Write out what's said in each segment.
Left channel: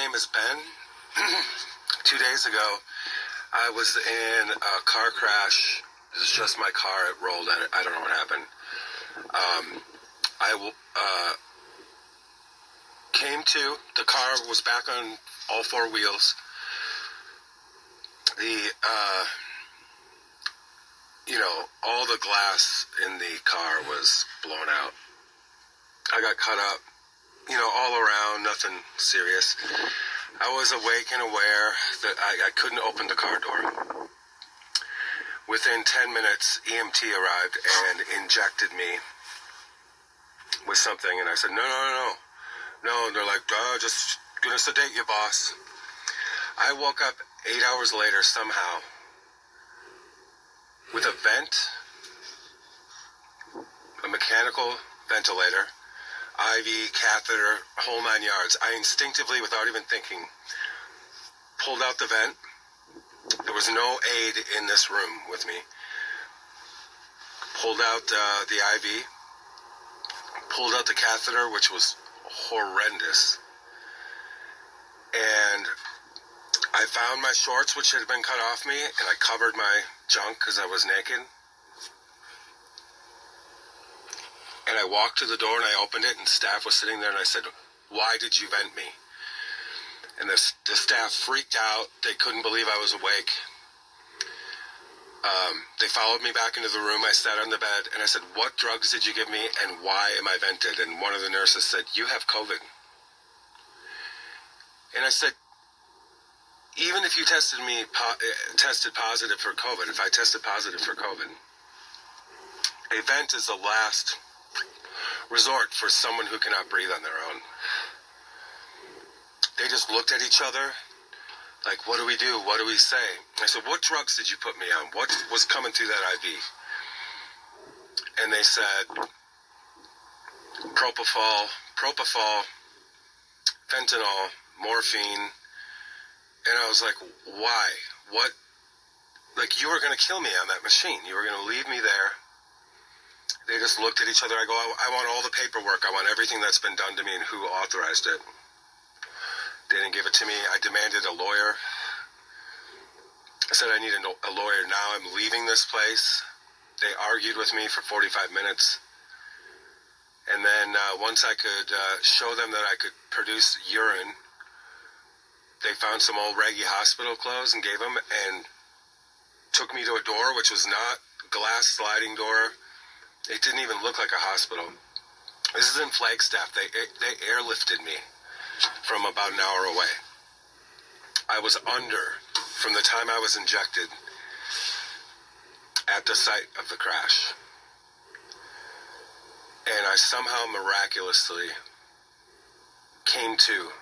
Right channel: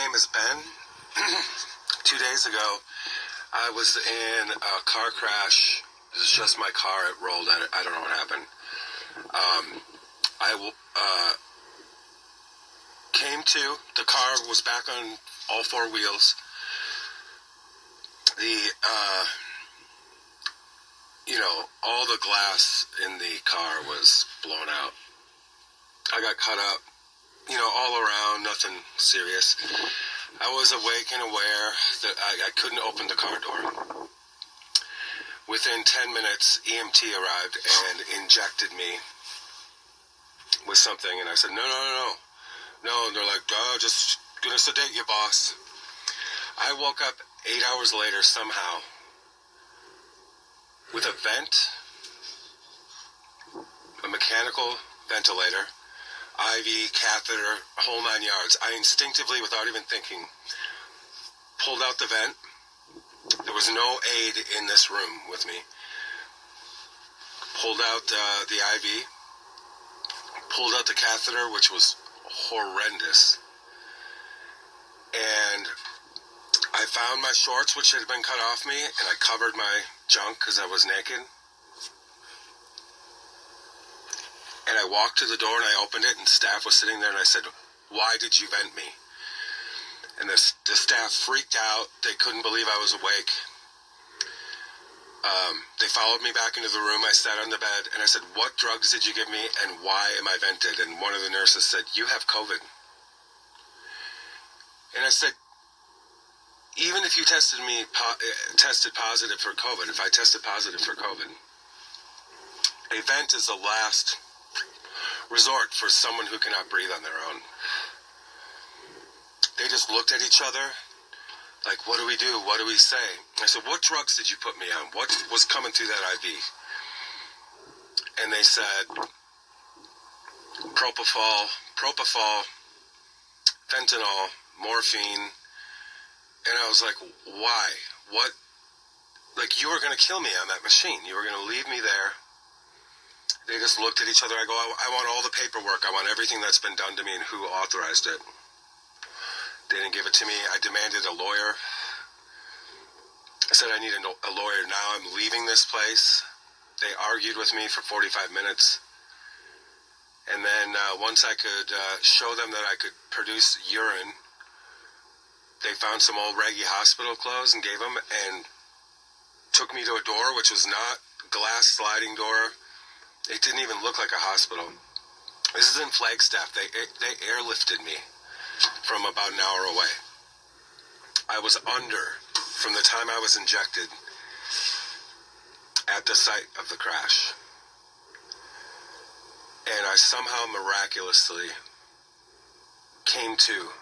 name is Ben. 2 days ago, I was in a car crash. It was just my car. It rolled. I don't know what happened. Came to. The car was back on all four wheels. All the glass in the car was blown out. I got cut up, all around, nothing serious. I was awake and aware that I couldn't open the car door. Within 10 minutes, EMT arrived and injected me with something, and I said, no. And they're like, just gonna sedate you, boss. I woke up 8 hours later somehow with a vent, a mechanical ventilator, IV, catheter, whole 9 yards. I instinctively, without even thinking, pulled out the vent. There was no aid in this room with me. Pulled out the IV, pulled out the catheter, which was horrendous. And I found my shorts, which had been cut off me, and I covered my junk because I was naked. And I walked to the door and I opened it, and staff was sitting there, and I said, "Why did you vent me?" And the staff freaked out. They couldn't believe I was awake. They followed me back into the room. I sat on the bed and I said, "What drugs did you give me and why am I vented?" And one of the nurses said, "You have COVID." And I said, even if you tested positive for COVID, if I tested positive for COVID, a vent is the last resort for someone who cannot breathe on their own. They just looked at each other like, what do we do? What do we say? I said, "What drugs did you put me on? What was coming through that IV?" And they said, propofol, fentanyl, morphine. And I was like, why? What? Like, you were going to kill me on that machine. You were going to leave me there. They just looked at each other. I go, I want all the paperwork. I want everything that's been done to me and who authorized it. They didn't give it to me. I demanded a lawyer. I said, I need a lawyer now. I'm leaving this place. They argued with me for 45 minutes. And then once I could show them that I could produce urine, they found some old raggy hospital clothes and gave them, and took me to a door, which was not glass sliding door. It didn't even look like a hospital. This is in Flagstaff. They airlifted me from about an hour away. I was under from the time I was injected at the site of the crash. And I somehow miraculously came to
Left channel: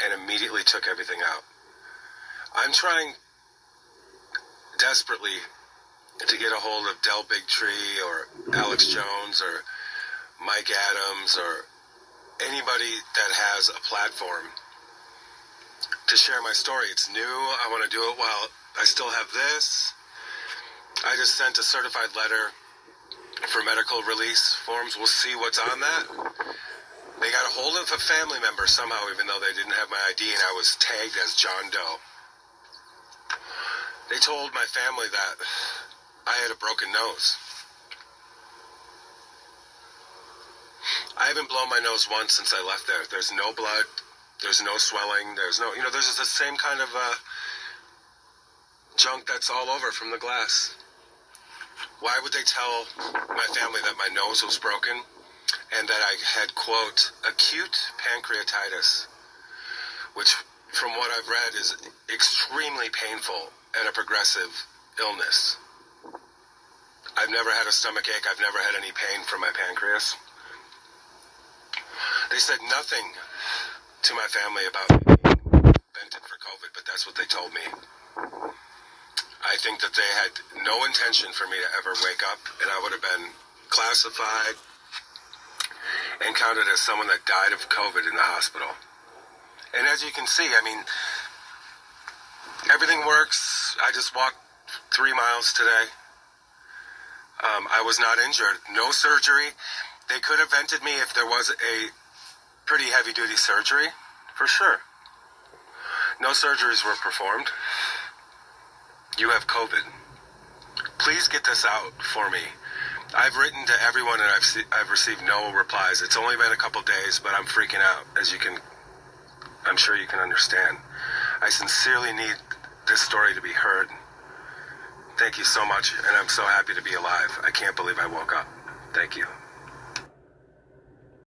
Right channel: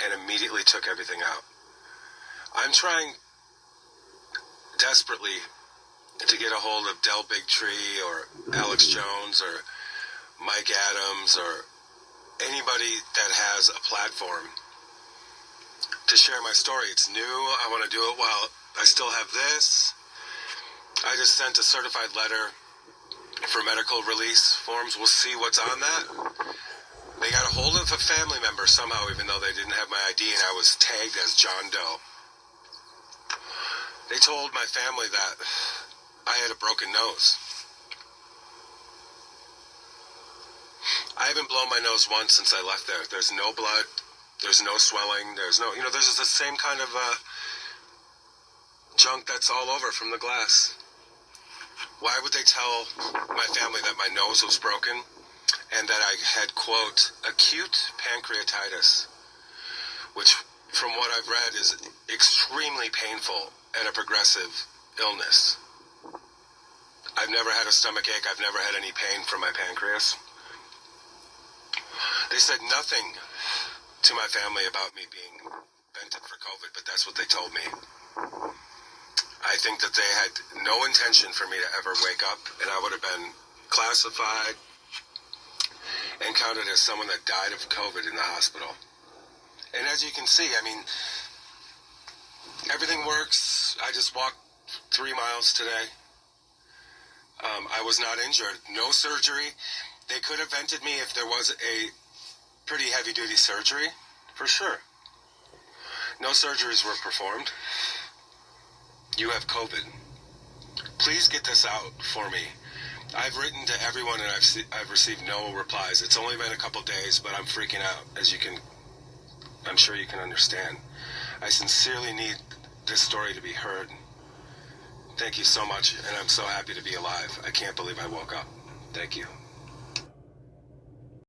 and immediately took everything out. I'm trying desperately to get a hold of Del Bigtree or Alex Jones or Mike Adams or anybody that has a platform to share my story. It's new. I want to do it while I still have this. I just sent a certified letter for medical release forms. We'll see what's on that. They got a hold of a family member somehow, even though they didn't have my ID, and I was tagged as John Doe. They told my family that I had a broken nose. I haven't blown my nose once since I left there. There's no blood. There's no swelling. There's there's the same kind of junk that's all over from the glass. Why would they tell my family that my nose was broken and that I had, quote, acute pancreatitis, which, from what I've read, is extremely painful and a progressive illness. I've never had a stomach ache. I've never had any pain from my pancreas. They said nothing to my family about me being vented for COVID, but that's what they told me. I think that they had no intention for me to ever wake up, and I would have been classified and counted as someone that died of COVID in the hospital. And as you can see, everything works. I just walked 3 miles today. I was not injured. No surgery. They could have vented me if there was a pretty heavy-duty surgery, for sure. No surgeries were performed. You have COVID. Please get this out for me. I've written to everyone and I've received no replies. It's only been a couple days, but I'm freaking out, as I'm sure you can understand. I sincerely need this story to be heard. Thank you so much, and I'm so happy to be alive. I can't believe I woke up. Thank you.